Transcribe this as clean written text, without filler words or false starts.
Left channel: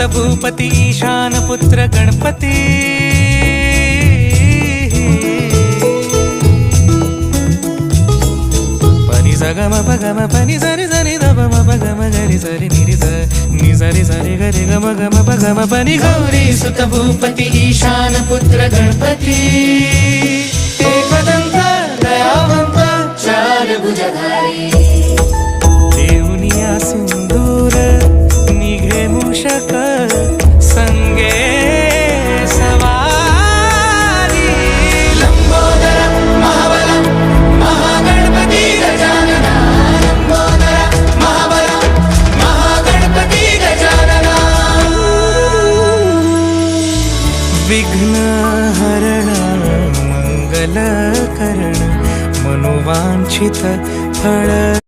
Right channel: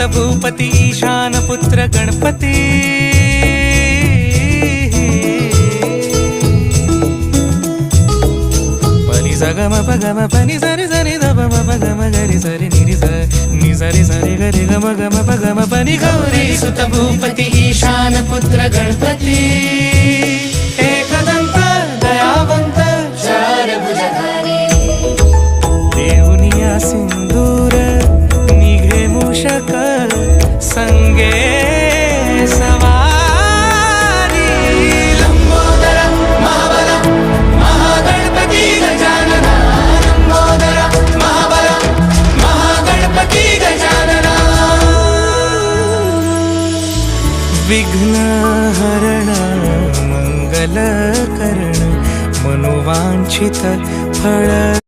सुत भूपती ईशान पुत्र गणपती पनी सगम पगम पनी सरी सरी दबम पगम गरी सरी निरी नि सरी सरी गरी गम गम पगम पनी गौरी सुत भूपती ईशान पुत्र गणपती एकदंत दयावंत चार भुजधारी देऊनिया सिंदूर निघे मूषक संगे सवारी लंबोदर महाबल महागणपती गजानना लंबोदर महाबल महागणपती गजानना विघ्न हरण मंगल करण मनोवांछित फळ